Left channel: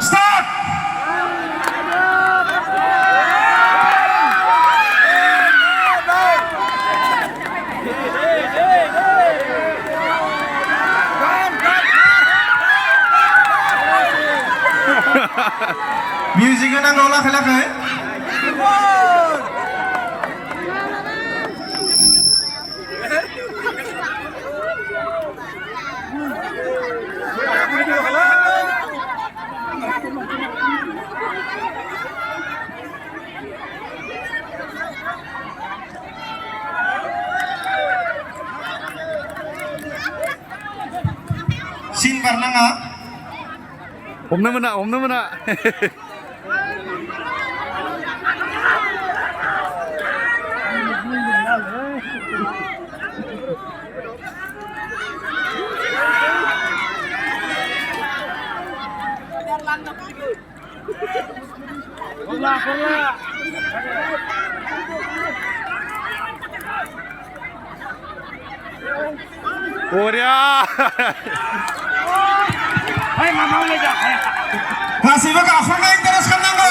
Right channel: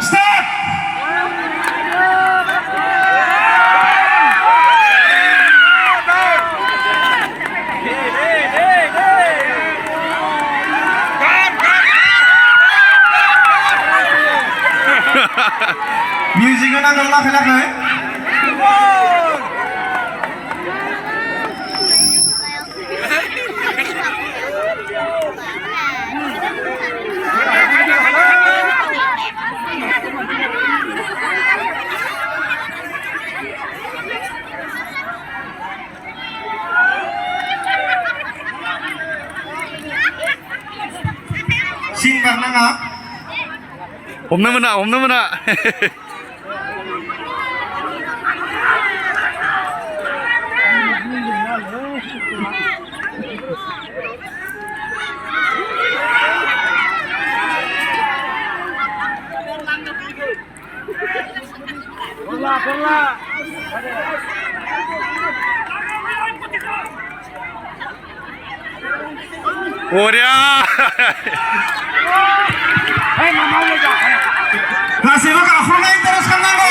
Start! Music na nang lakay-lakay. Singkar na nga. 없는 문화 없는 문화. 오랴. Masih buka akhirnya teruskan nanggo.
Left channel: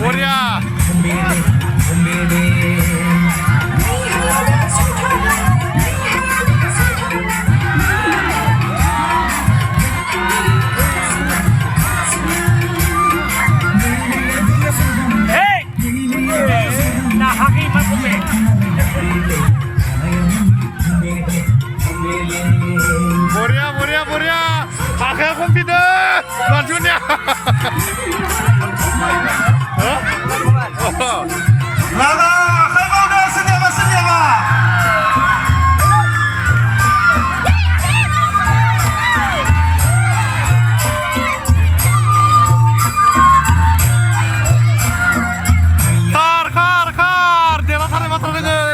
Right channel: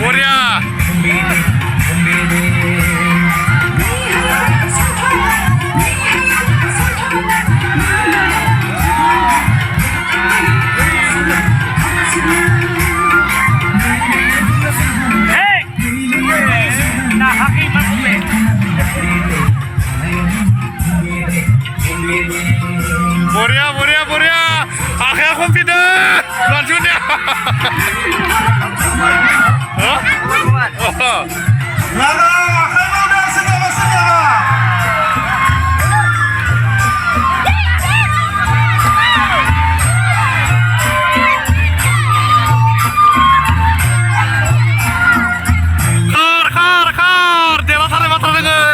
오랴. 뭐랴 아까 컴퓨터 lanjutnya Lala, kamu udah senyum-senyum. Kar, dia batal dengan.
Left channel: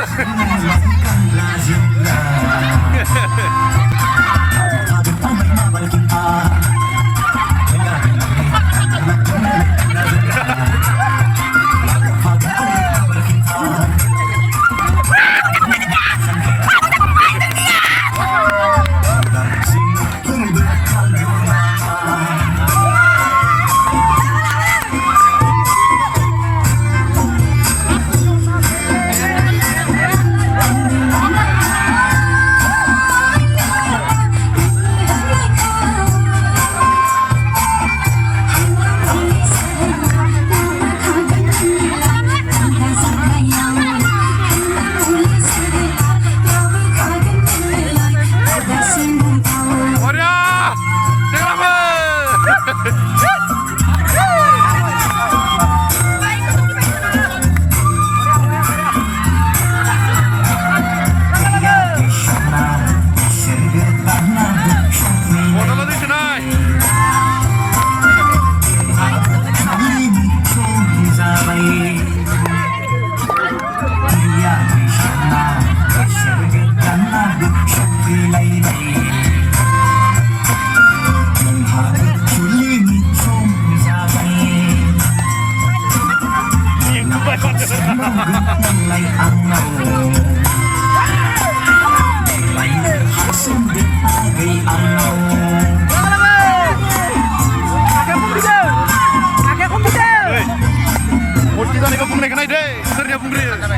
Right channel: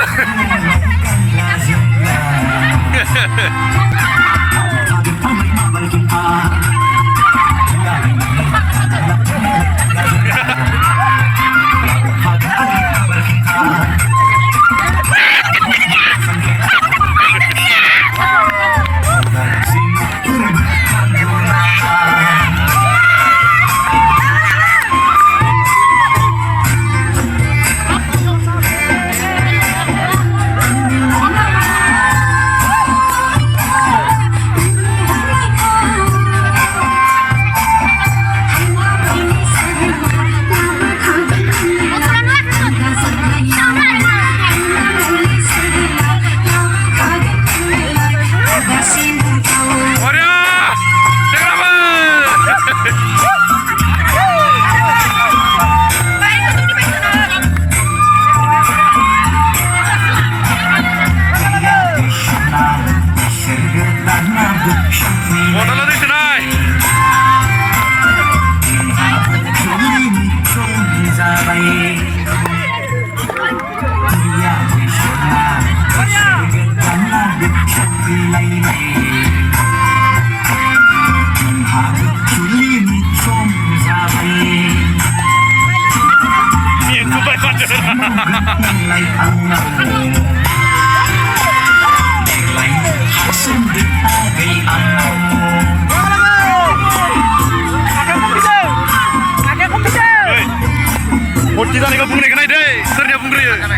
Kita nih bung naik deh, sernya bung Ria.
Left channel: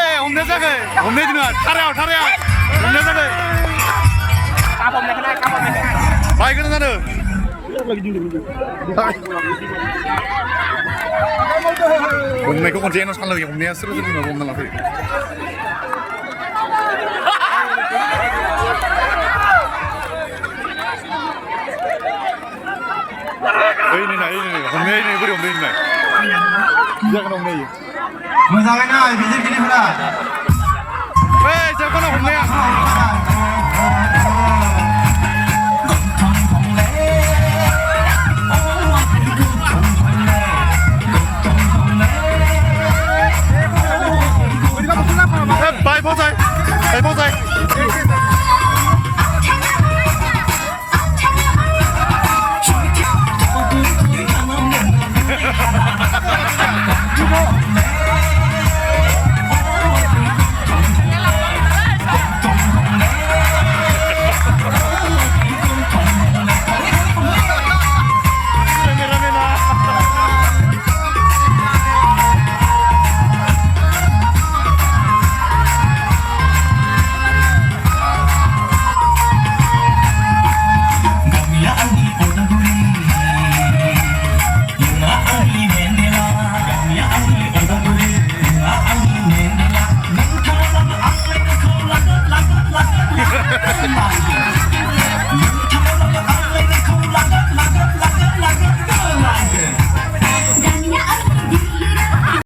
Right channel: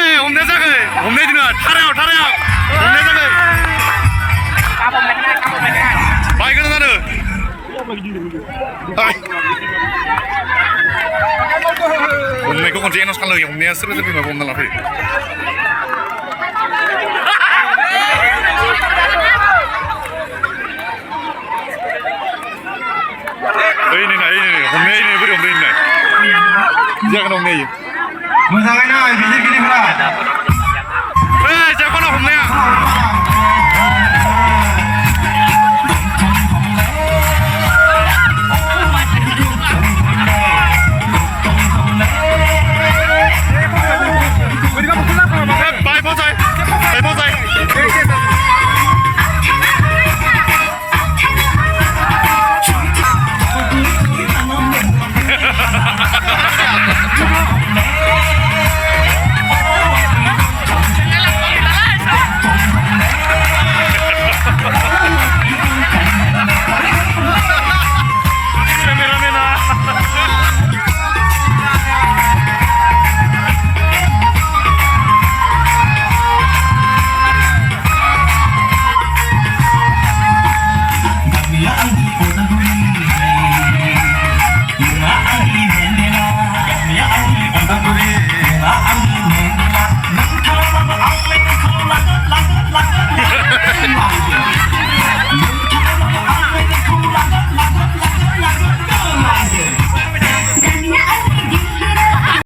हमने जागै हमने दिनो थारायाव हमने जागै bike गोनां जादों हमनायखौ खनसे announce खालामो हमनाया सोर सोर बिमा हमना लाफैयो ओइ नै हमनाय नै बोरै हमनाय नै जागोन हमनाय मोजाङै नाय बिजिरगिरिफोरा ओइ जागोन हमनाया Bye, Bonsai. Hey, Bonsai.